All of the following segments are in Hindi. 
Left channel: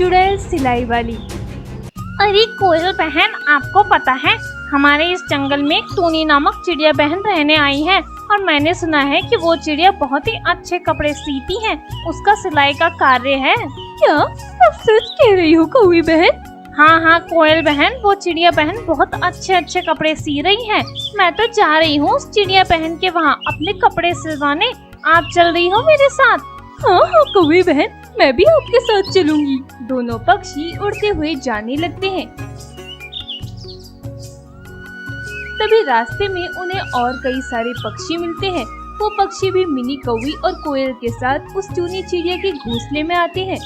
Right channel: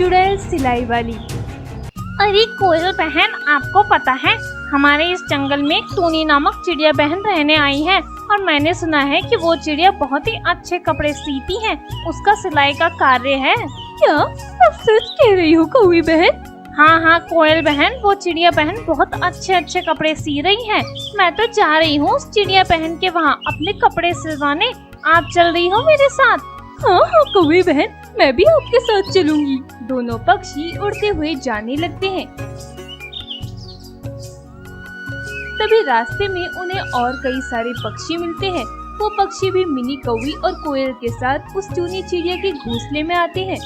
चुड़ैल सिलाई वाली। अरे कोयल बहन, आपको पता है हमारे इस जंगल में एक टूनी नामक चिड़िया बहन रहने आई है और मैंने सुना है कि वो चिड़िया बहुत ही अच्छे कपड़े सीती है। उसका सिलाई का कार्य है। क्या आप सच कह रही हो कौवी बहन? हाँ हाँ कोयल बहन, वो चिड़िया बहन बहुत अच्छे अच्छे कपड़े सी रही है। मैं तो जा रही हूँ उस चिड़िया बहन के वहाँ अपने कपड़े सिलवाने। आप चल रही हो मेरे साथ? हाँ हाँ कौवी बहन, मैं भी आपके साथ चलूंगी। दोनों पक्षी उड़ते हुए जाने लगते हैं। तभी रास्ते में उन्हें और कई सारे पक्षी मिलते हैं। वो पक्षी भी मिनी कौवी और कोयल के साथ उस टूनी चिड़िया के घोंसले में आते हैं।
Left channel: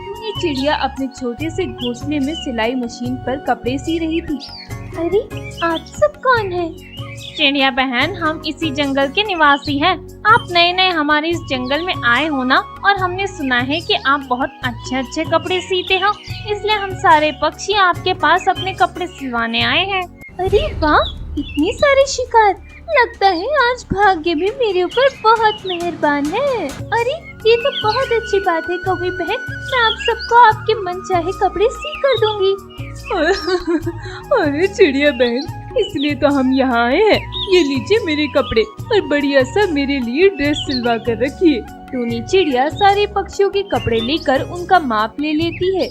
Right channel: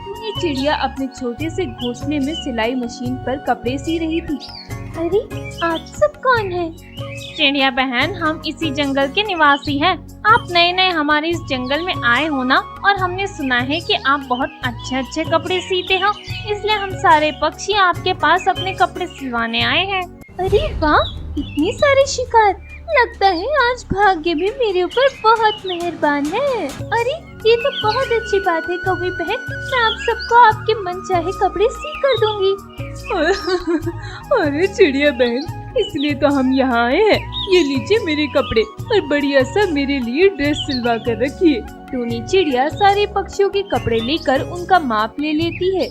टूनी चिड़िया अपने छोटे से घोंसले में सिलाई मशीन पर कपड़े सी रही थी। अरे आप सब कौन है? चिड़िया बहन, हम इसी जंगल के निवासी हैं। आप नए नए हमारे इस जंगल में आए हो ना, और हमने सुना है कि आप बहुत अच्छे अच्छे कपड़े सीते हो, इसलिए हम सारे पक्षी आपके पास अपने कपड़े सिलवाने आए हैं। अरे वाह, इतने सारे शिकार! लगता है आज भाग्य भी मेरे ऊपर बहुत मेहरबान है। अरे ये तो बहुत अच्छी बात है कौवी बहन, मैं आप सबको आपके मनचाहे कपड़े सी कर दूंगी। अरे चिड़िया बहन, इसलिए तो हम यहाँ आए हैं। ये लीजिए मेरे कपड़े और बढ़िया सा मेरे लिए ड्रेस सिलवा कर रखिए। टूनी चिड़िया सारे पक्षियों के कपड़े लेकर उनका माप ले लेती है।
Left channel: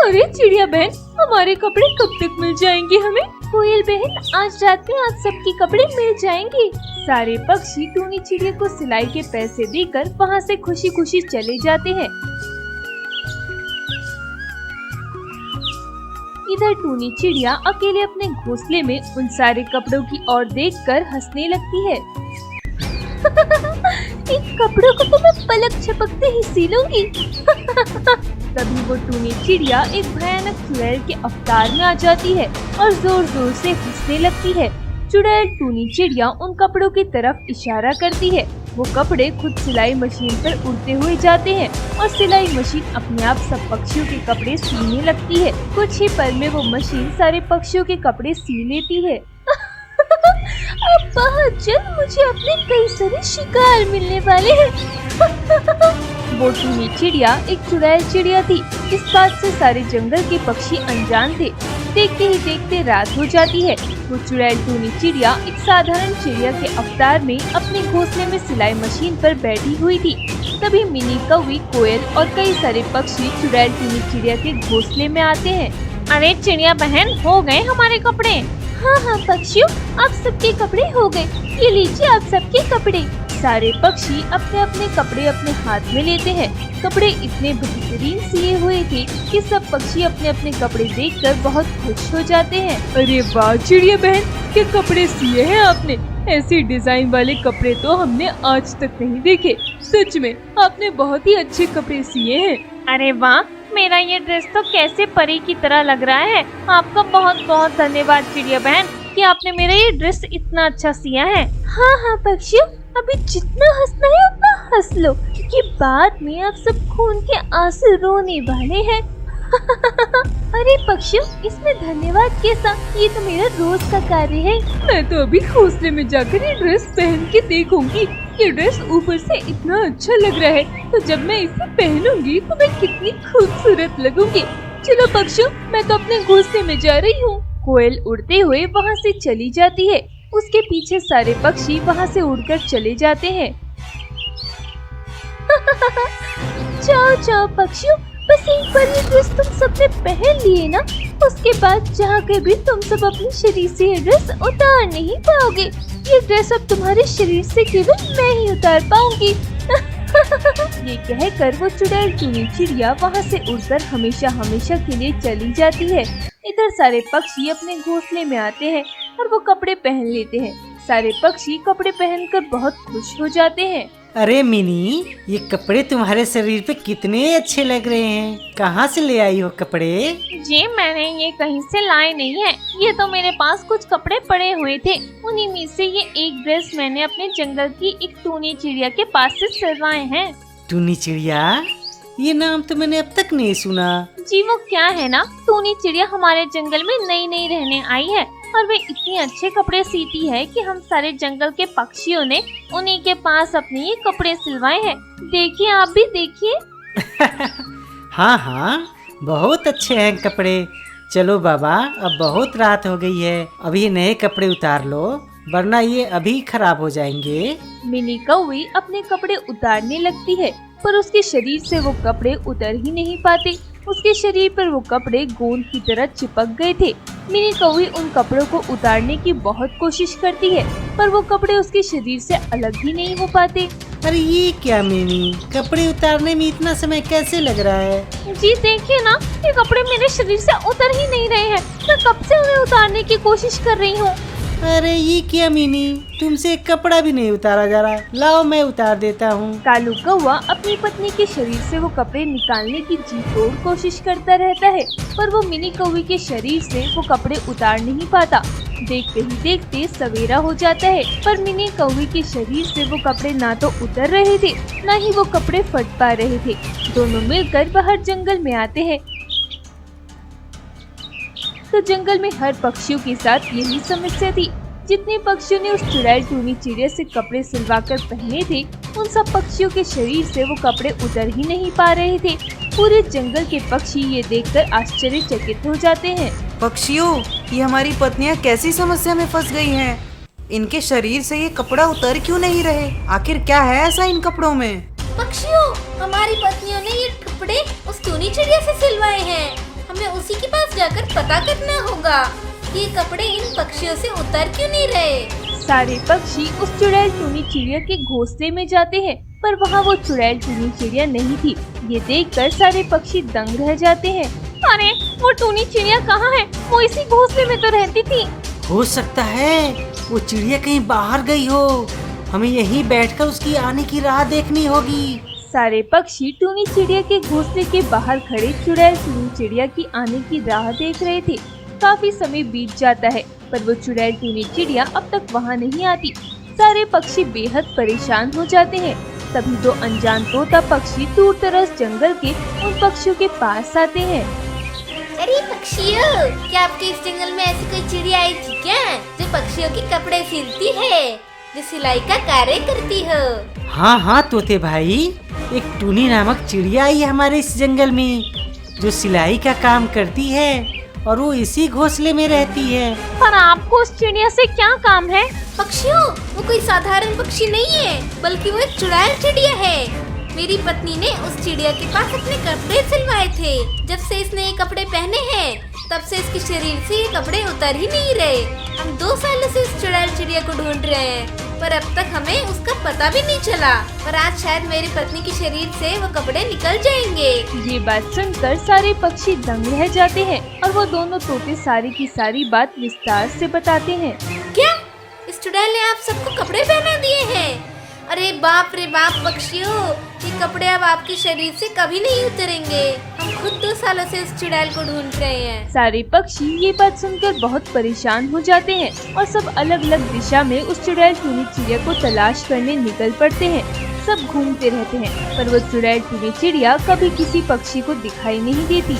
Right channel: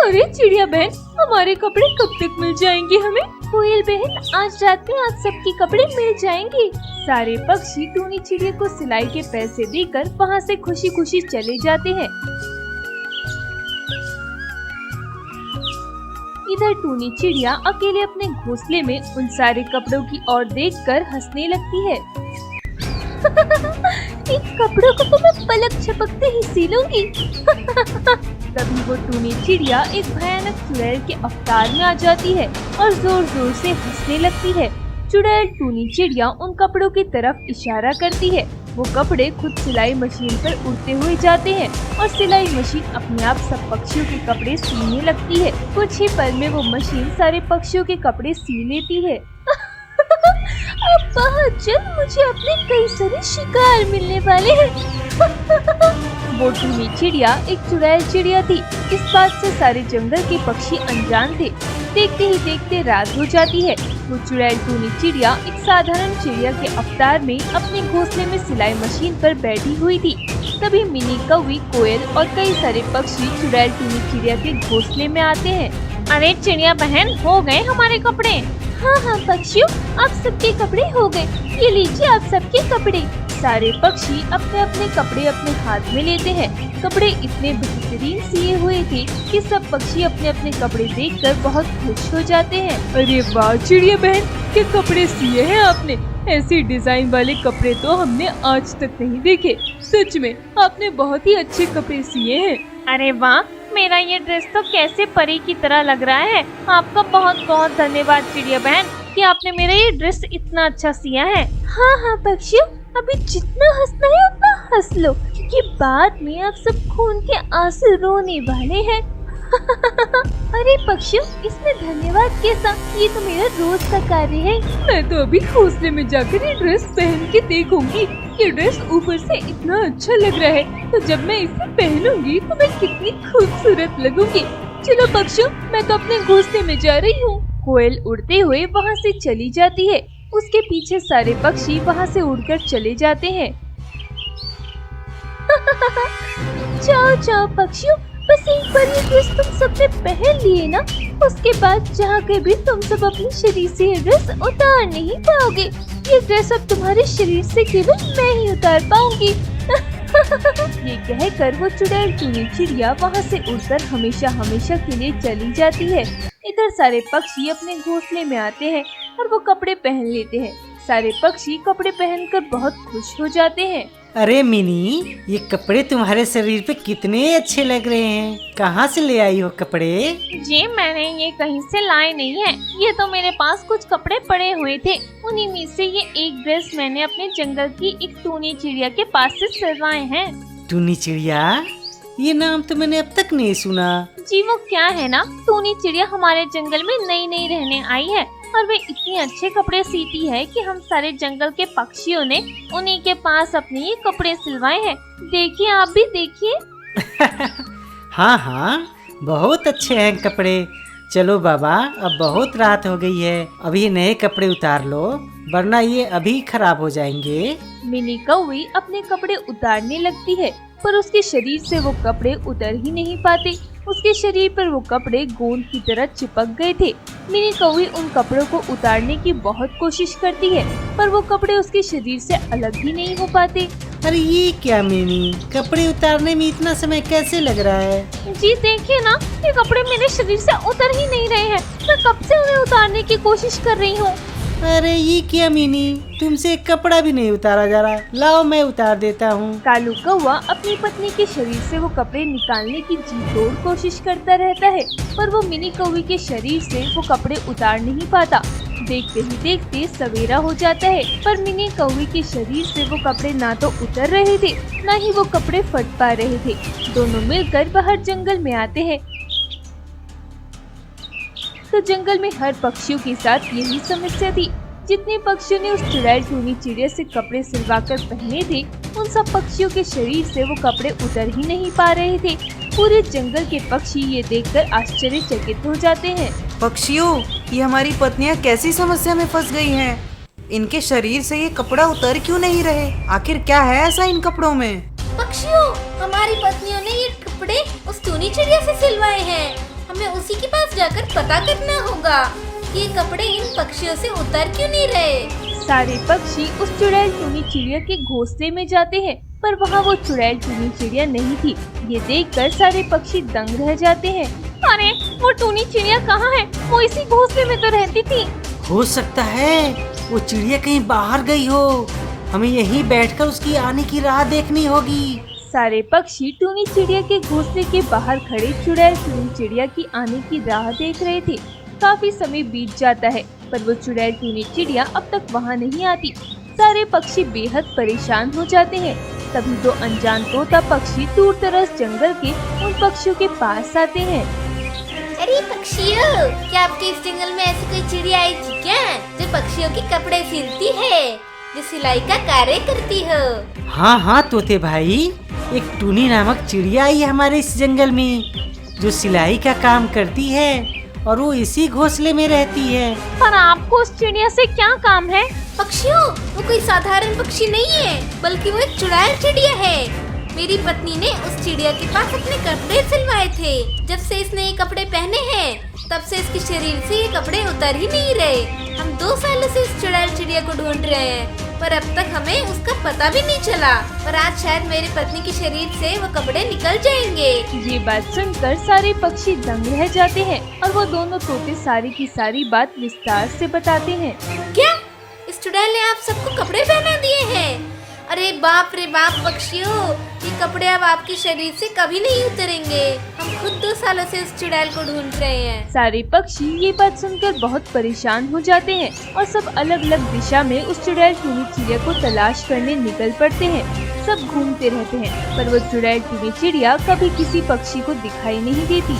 अरे चिड़िया बहन, हमारे कपड़े कब तक मिल जाएंगे हमें? कोयल बहन, आज रात में आप सबके कपड़े मिल जाएंगे। सारे पक्षी टूनी चिड़िया को सिलाई के पैसे देकर वहाँ से खुशी खुशी चले जाते हैं। इधर टूनी चिड़िया अकेले अपने घोंसले में उन सारे कपड़ों की ओर देखकर हंसने लगती है। इन कपड़ों को तो मैं पलक झपकते ही सी लूंगी। तभी वो टूनी चिड़िया एक भयानक चुड़ैल के अवतार में आ जाती है और जोर जोर से हंसने लगती है। चुड़ैल टूनी चिड़िया उन कपड़ों की तरफ इशारा करती है। वो कपड़े खुद सिलाई मशीन पर उड़ते हुए जाते हैं और सिलाई मशीन अपने आप सब पक्षियों के कपड़े सीने लगती है। कुछ ही पल में वो मशीन सारे पक्षियों के कपड़े सी लेती है। अब बहुत जल्द मुझे अपने कई सारे शिकार मिलने वाले हैं। वो टूनी चिड़िया एक चुड़ैल चिड़िया थी। इस बात से सारे जंगल के पक्षी अनजान थे। देखते ही देखते रात हो जाती है। वो चुड़ैल टूनी चिड़िया एक साधारण चिड़िया के अवतार में अपने घोंसले में सिलाई मशीन पर बैठी हुई थी। तभी मिनी कौवी, कोयल और कई सारे पक्षी चुड़ैल टूनी चिड़िया के घोंसले में आते हैं। अरे चिड़िया बहन, हो गए हमारे कपड़े। हाँ हाँ पक्षियों, आप सबके कपड़े हो गए। ये लीजिए आप सबके कपड़े। सारे पक्षी अपने अपने कपड़े अपने हाथ में लेते हैं। कपड़े इतने बेहतरीन सिए हुए थे कि सब पक्षी अपने अपने कपड़े देखकर बहुत खुश हो जाते हैं। अरे वाह चिड़िया बहन, के कपड़े सिए हैं आपने। ऐसे डिजाइन वाले कपड़े तो हमने आज तक नहीं देखे। सच में आपने बहुत ही अच्छे कपड़े सिए हैं। अरे वाह, मेरा ये ड्रेस तो कैसे परी की तरह लग रहा है। आपका बहुत बहुत धन्यवाद चिड़िया बहन कि आपने मेरा ये ड्रेस इतना अच्छा सिया है। हाँ हाँ पक्षियों, अभी जितना हंसना है उतना हंस लो, क्योंकि बाद में आप सब खून के आंसू रोने वाले हैं। अरे पक्षियों, इसमें धन्यवाद कैसा? ये तो मेरा रोज का कार्य है। मैं तो अभी घोंसले में जाकर ये ड्रेस पहन के देखूंगी। ये ड्रेस ऊपर से इतना अच्छा लग रहा है, तो जब मैं इसे पहनूंगी तो मैं कितनी खूबसूरत लगूंगी। चलो पक्षियों, मैं तो अपने घोंसले में जा रही हूँ। कोयल उड़ते हुए वहाँ से चली जाती है। उसके पीछे सारे पक्षी वहाँ से उड़कर चले जाते हैं। जाओ जाओ पक्षियों, बस एक बार ये ड्रेस तुम सबने पहन लिए ना, उसके बाद जहाँ के भी तुम सब अपने शरीर से ये ड्रेस उतार नहीं पाओगे। ये ड्रेस अब तुम्हारे शरीर से केवल मैं ही उतार पाऊंगी। ये कहकर वो चुड़ैल टूनी चिड़िया वहाँ से उड़कर हमेशा हमेशा के लिए चली जाती है। इधर सारे पक्षी अपने घोंसले में आते हैं और वो कपड़े पहन लेते हैं। सारे पक्षी कपड़े पहनकर बहुत खुश हो जाते हैं। अरे मिनी, ये कपड़े तुम्हारे शरीर पे कितने अच्छे लग रहे हैं। कहाँ से ले आई हो कपड़े? जी मैंने ये कहीं से लाए नहीं है, ये तो मेरे पास कुछ कपड़े पड़े हुए थे। उन्हीं में से ये एक ड्रेस मैंने अपने जंगल की एक टूनी चिड़िया के पास से सिलवाए हैं। टूनी चिड़िया? ये नाम तो मैंने अब तक नहीं सुना। जी वो क्या है ना, टूनी चिड़िया हमारे जंगल में नई नई रहने आई है। और वे इतने अच्छे कपड़े सीती है कि हम सारे जंगल के पक्षियों ने उन्हीं के पास अपने ये कपड़े सिलवाए हैं। देखिए, आप भी देखिए। हाँ हाँ, बहुत अच्छे हैं कपड़े। चलो बाबा, अब बहुत रात हो गई है, अभी नए कपड़े उतार लो, वरना ये अभी खराब हो जाएंगे। मिनी कौवी अपने कपड़े उतारने लगती है, पर उसके शरीर से वो कपड़े उतर ही नहीं पाते। उसके शरीर पर वो कपड़े गोंद की तरह चिपक गए थे। मिनी कौवी उन कपड़ों को उतारने की बहुत कोशिश करती है, पर वो कपड़े उसके शरीर से अलग ही नहीं हो पाते। अरे ये क्या मिनी, कपड़े उतारने में इतना समय कैसे लग रहा है? जी देखिए ना, ये कपड़े मेरे शरीर से उतर ही नहीं रहे हैं। मैं कब से उन्हें उतारने की कोशिश कर रही हूँ। अरे ये क्या मिनी, तुमसे एक कपड़ा भी नहीं उतारा जा रहा। लाओ मैं उतार देता हूँ। कालू कौवा अपनी पत्नी के शरीर से वो कपड़े निकालने की जी तोड़ कोशिश करता रहता है, पर वो मिनी कौवे के शरीर से वो कपड़े उतार नहीं पाता। देखते ही देखते सवेरा हो जाता है, पर मिनी कौवे के शरीर से वो कपड़े ना तो उतर रहे थे, न ही वो कपड़े फट पा रहे थे। दोनों मिलकर बाहर जंगल में आते हैं, तो जंगल में हर पक्षियों के साथ यही समस्या थी। जितने पक्षियों ने उस चुड़ैल टूनी चिड़िया से कपड़े सिलवाकर पहने थे, उन सब पक्षियों के शरीर से वो कपड़े उतर ही नहीं पा रहे थे। पूरे जंगल के पक्षी ये देखकर आश्चर्यचकित हो जाते हैं। पक्षियों, ये हमारी पत्नियां कैसी समस्या में फंस गई हैं? इनके शरीर से ये कपड़ा उतर क्यों नहीं रहे? आखिर क्या है ऐसा इन कपड़ों में? पक्षियों, हमारी पत्नियों ने ये कपड़े उस टूनी चिड़िया से सिलवाए हैं। हमें उसी के पास जाकर पता करना होगा कि ये कपड़े इन पक्षियों से उतर क्यों नहीं रहे। सारे पक्षी उस चुड़ैल टूनी चिड़िया के घोंसले में जाते हैं, पर वहाँ वो चुड़ैल टूनी चिड़िया नहीं थी। ये देखकर सारे पक्षी दंग रह जाते हैं। अरे, वो टूनी चिड़िया कहाँ है? वो इसी घोंसले में तो रहती थी। हो सकता है वो चिड़िया कहीं बाहर गई हो, हमें यहीं बैठकर उसकी आने की राह देखनी होगी। सारे पक्षी टूनी चिड़िया के घोंसले के बाहर खड़े चुड़ैल टूनी चिड़िया की आने की राह देख रहे थे। काफी समय बीत जाता है, पर वो चुड़ैल टूनी चिड़िया अब तक वहाँ नहीं आती। सारे पक्षी बेहद परेशान हो जाते हैं। तभी दो अनजान तोता पक्षी दूर दराज जंगल के उन पक्षियों के पास आते हैं। अरे पक्षियों, क्या आपके इस जंगल में ऐसी कोई चिड़िया आई थी क्या, जो पक्षियों के कपड़े सिलती है, जो सिलाई का कार्य करती हो? हाँ हाँ तोते भाई, एक टूनी नामक चिड़िया आई है हमारे इस जंगल में, जो सिलाई का काम करती है और वो इसी घोंसले में रहती है। पर आपको उस चिड़िया से क्या काम है? पक्षियों, वो कोई साधारण पक्षी नहीं है, बल्कि वो एक चुड़ैल चिड़िया है। मेरी पत्नी ने उस चिड़िया के पास अपने कपड़े सिलवाए थे। जब से इसने ये कपड़े पहने हैं, तब से इसके शरीर से ये कपड़े उतर ही नहीं रहे। हम 2 सालों से इस चुड़ैल चिड़िया को ढूंढ रहे हैं, पर अब तक हमें उसका पता भी नहीं चला। पर आज शायद मेरी पत्नी के शरीर से वो कपड़े निकल जाएंगे। ये बात सुनकर सारे पक्षी दंग रह जाते हैं और वो दोनों तोते सारी की सारी बात विस्तार से बताते हैं। क्या इस चुड़ैल ने आप सबको कपड़े पहना दिए हैं? अरे बाप रे बाप पक्षियों, ये कपड़े अब आपके शरीर से कभी नहीं उतरेंगे। हम खुद 2 सालों से इस चुड़ैल को ढूंढ रहे हैं। सारे पक्षी ये बात सुनकर बहुत परेशान हो जाते हैं और सब अलग अलग दिशा में उस चुड़ैल टूनी चिड़िया को तलाश करने निकल पड़ते हैं। सब घूमते रहते हैं, पर वो चुड़ैल टूनी चिड़िया कभी किसी पक्षी को दिखाई नहीं देती।